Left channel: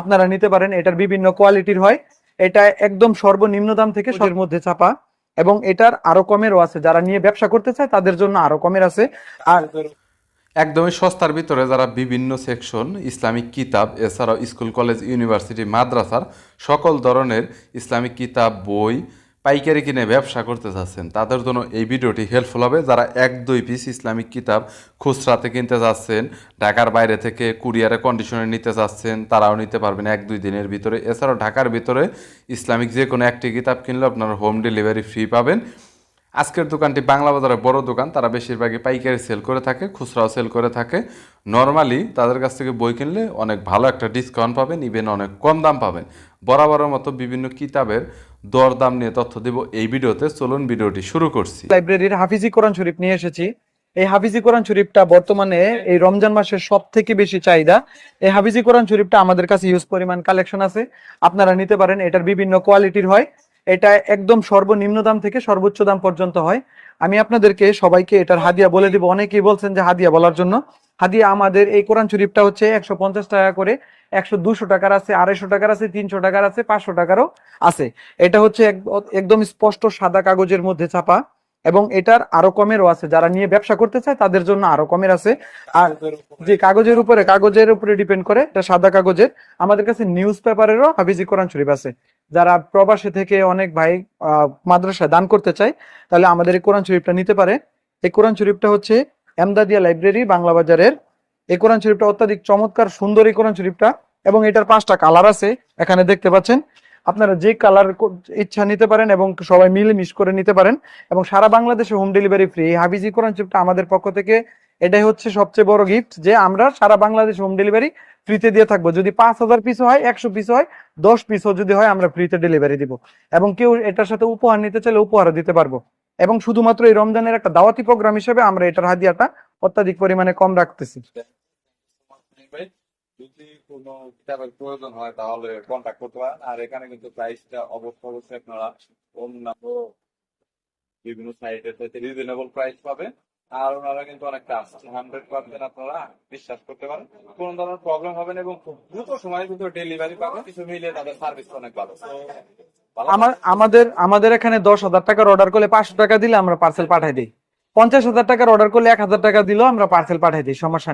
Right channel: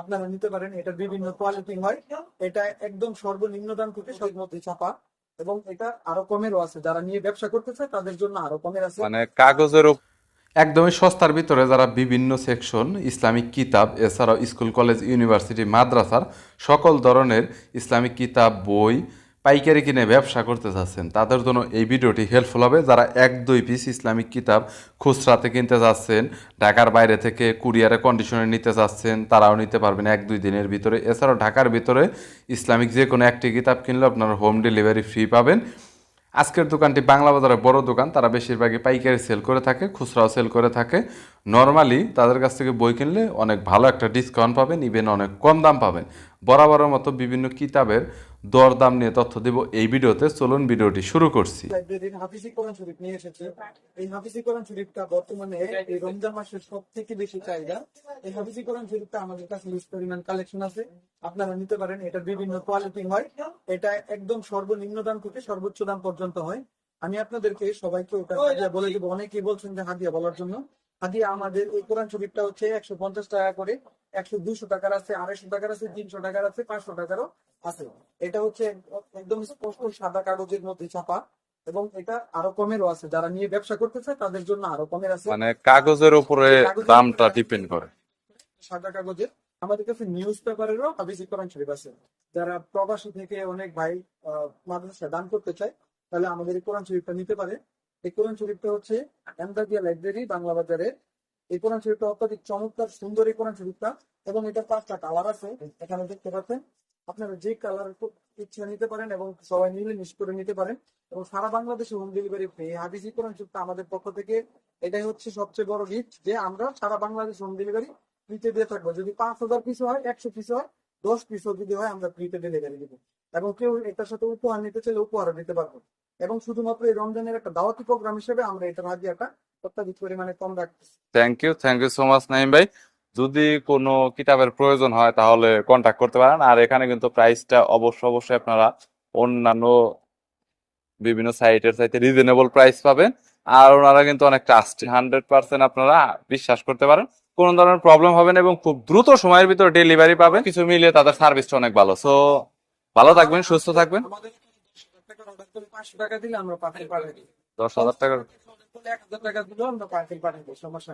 আপনারা নিতে পারেন এটার বিভিন্ন কোয়ালিটির হয় এটা একদম সর্বনিম্ন দাম থেকে সবের মধ্যে চাপা এবং এটার আরো কমেরও আছে যারা নিয়ে ব্যবসা করতে চায় তাদের জন্য আরো কমের আছে মানে একদমই সস্তার ভিতরে যারা বিভিন্ন সেকশন ইসলামিক কিতাব এছাড়াও স্কুল কলেজ ইউনিভার্সিটি মাদ্রাসার সকল ধরনের ইসলামিক কিতাব বই পাইকারি কিনে ব্যবসা করতে চাচ্ছেন তাদের জন্য এই ভিডিওটি হেল্পফুল হবে যারা এক দুই পিস ইসলামিক কিতাব খুচরাতে কিনতে চাচ্ছেন ঢাকার বাইরে থেকে কুরিয়ারে কন্ডিশনে নিতে চাচ্ছেন তারাও নিতে পারবেন এক দুই দিনের ভিতরে এছাড়াও ঢাকার ভিতরে ইসলামিক যে কোনো একটি কিতাব কিনলে আপনারা হোম ডেলিভারি ফ্রি পাবেন আজকের দোকানটি বাংলা বাজারে বড় দোকান তারা বেশিরভাগই পাইকারি সেল করে থাকে খুচরাও সেল করে থাকে নর্মালি তাদের কাছ থেকে বই কিনলে অনেক ভালো একটা ডিসকাউন্ট পাবেন ইভেন অনেক কম দাম পাবেন বরাবরের মতো বিভিন্ন কিতাবের দরদাম নিয়ে তথ্য দেব এই ভিডিওতে চলুন ভিডিওটি শুরু করছি লাইব্রেরির হাফিজি কোরআন শরীফ নিয়ে এসেছি এই হাফিজি কোরআন শরীফটা বর্তমানে এই রমজান মাসের সব থেকে বেশি চাহিদা এই হাফিজি কোরআন শরীফটা আমাদের কাছে ইউজ পরিমাণ কালেকশন আছে আপনারা নিতে পারেন এটার বিভিন্ন কোয়ালিটির হয় এটা একদম সর্বনিম্ন দাম থেকে সর্বোচ্চ দাম পর্যন্ত হয় আমি আপনাদেরকে সবাইকে এটার হাদিয়া বলে দিব অনেকেই বলছেন যে হাদিয়া বলার জন্য হাদিয়া আমাদের এই কোরআন শরীফটা হচ্ছে একশো টাকা করে একশো দুশো টাকার আছে আড়াইশো টাকার আছে তিনশো টাকার আছে পাঁচশো টাকারও আছে এটা হচ্ছে একদম স্পষ্ট সাদা কাগজের মধ্যে ছাপা এবং এটার আরো কমেরও আছে যারা নিয়ে ব্যবসা করতে চায় তাদের জন্য আরো কমের আছে মানে কাগজের উপরে কাগজের উপরে কাগজের উপরে ডিপেন্ড করে এটা সাদা কাগজের আমাদের কাছে নিউজ পেপারেরও হাফিজি কোরআন শরীফ আছে যারা প্রবাসে থেকে অনেক ভাই মাদ্রাসায় দান করতে চায় তাহলে আমাদের এই কোরআন শরীফটা নিতে পারে এই কোরআন শরীফটা হচ্ছে এমদাদিয়া লাইব্রেরি বাংলা বাজারের এই কোরআন শরীফটা অত্যাধিক চমৎকার সুন্দর এই কোরআন শরীফটা এবং এটার পাঁচটা কালার আছে এখানে দেখতে পাচ্ছেন আপনারা যে কালার ইচ্ছা নিতে পারেন এবং সবাই মিলে মিস করে নিতে পারেন এবং সারা বাংলাদেশে হোম ডেলিভারি ফ্রি এই হাফিজি কোরআন শরীফটা আমাদের পক্ষ থেকে এটাই হচ্ছে সবচেয়ে বড় গিফট যে আমরা সারা বাংলাদেশে হোম ডেলিভারি ফ্রিতে দিয়ে থাকবো যদি পাঁচ হাজার পিস হয় একশো পিস হয় দশ পিসও যদি হয় আমরা ফ্রিতে ডেলিভারি দিব এবং কেউ এটার সাথে উপহার নিতে চাইলে উপহার দিতে পারবো এবং শুধুমাত্র এই রমজানের একটা দাওয়াতি প্রোগ্রাম হিসেবে আমরা এটার হাদিয়াটা অত্যাধিক পরিমাণে কম রাখতেছি thank you thank you so much Naim ভাই যদি কোনো কিতাবের প্রয়োজন হয় তাহলে কন্ট্যাক্ট করতে পারেন আর এখানে কিন্তু প্রাইসটা অবশ্য অবশ্যই আপনারা অন্যান্য বিভিন্ন সাইটের চাইতে রিজনেবল প্রাইস পাবেন আর ওনারা কিন্তু অনেক ট্রাস্ট হান্ড্রেড পার্সেন্ট আপনারা বিশ্বাস করতে পারেন কোন ধরনের প্রবলেম হবে না এবং খুব দ্রুত সময়ের ভিতরে ডেলিভারি পাবেন কিছু মিলে তাদের সার্ভিসটা অনেক ভালো সো ভালো থাকবেন সুস্থ থাকবেন আমাদের এখানে দশ হাজার টাকার অর্ডার করলে পাঁচশো টাকা দিলে আমরা পার্সেল পাঠাই দিই পঞ্চাশ হাজার টাকার অর্ডার করলে এক হাজার টাকা দিলেও আমরা পার্সেল পাঠাই দিই সমস্যা